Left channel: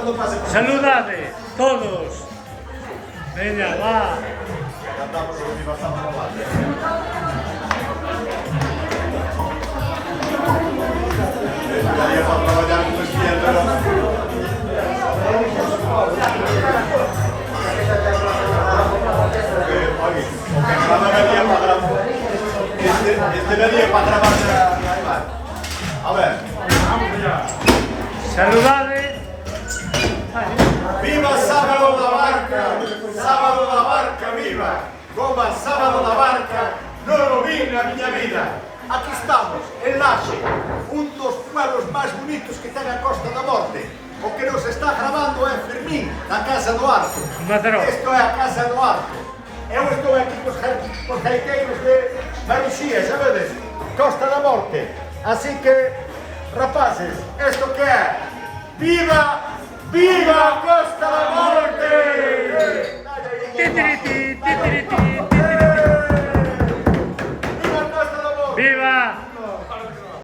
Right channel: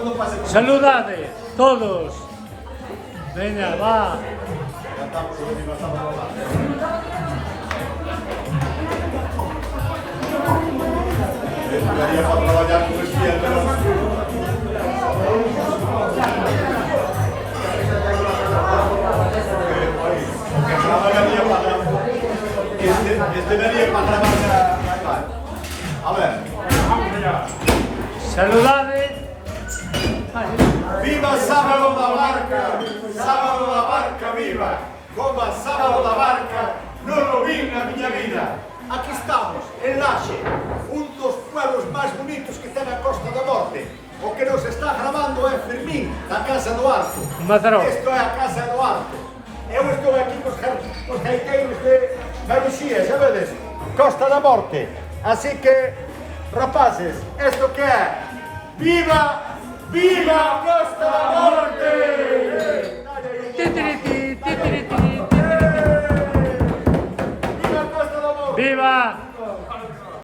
cuando pase por Saludade, todos. Veña, va. cantamos o Viva Sábado da Barca. Daría para traballar con izquierda, Este daría para grabar ya. A ver. Saludade. Viva Sábado da Barca! Sábado da Barca, viva! Goma Sábado da Barca, non o vi na miña vida. Aquí estamos, en Laxe, un dos pueblos máis bonitos que ten a Costa da Morte. O que nos está grabando é Fermín, da Casa do Arco. Mataró. Isto é a Casa do Arco. Eu estou aquí cos gaiteiros de Maruxía, xa vedes? Costa da Morte. Así que, rapaces, isto que é? Viva! Viva Costa da Morte! Ti, ti, ti.